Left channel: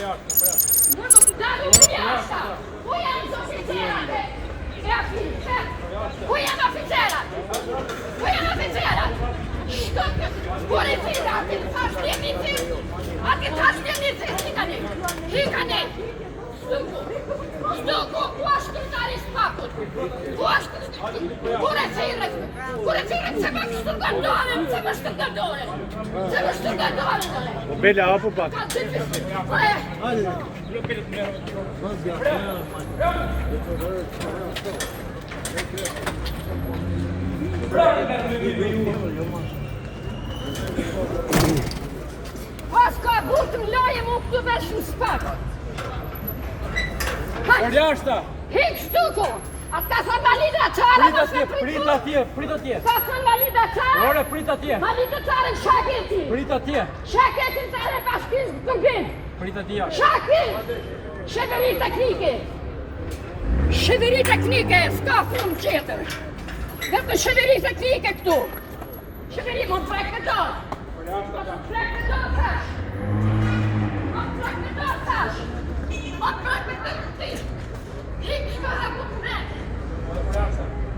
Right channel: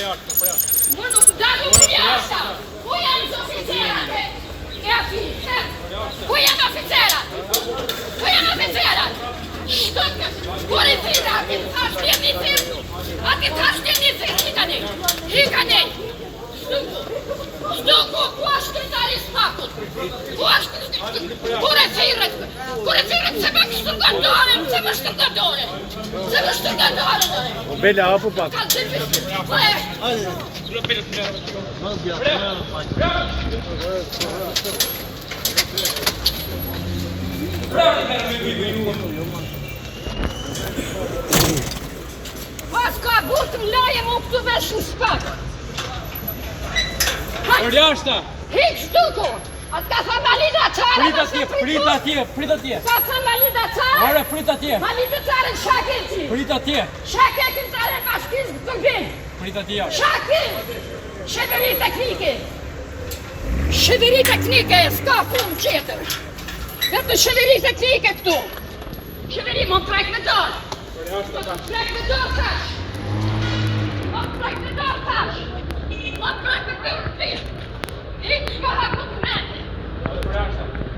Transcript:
Më nuk dalu për jashta. Ku janë oficerat? E aty, ku janë oficerat? Ku janë oficerat? Policija, ati taštjenici, hikani. Stuku, ku është këtari spakut? Ku është kureciret, se më shtërgatore, se më shtërgatore. Bela, apo pak? Hajde. Pas ka burtëm laje mu këtu vesh në shpak. Për jashta! Hik shtuku! Atë ka thë malida qare Prit atje! Ka thë malida qare? Ore, prit atje! Malida qare në shaketi! Prit atje! Shaketi qare ka shkiz të tërbim! Prit atje! Shaki! Sheveri teknike! Sheveri teknike, s'ka fund qeter! Vetë sheveri teknike këtu! Sheveri më të prek me dorë! Më të prek me dorë tash! Më të prek me dorë tash! Më të prek me dorë tash! Hiç shka ha ku të mete!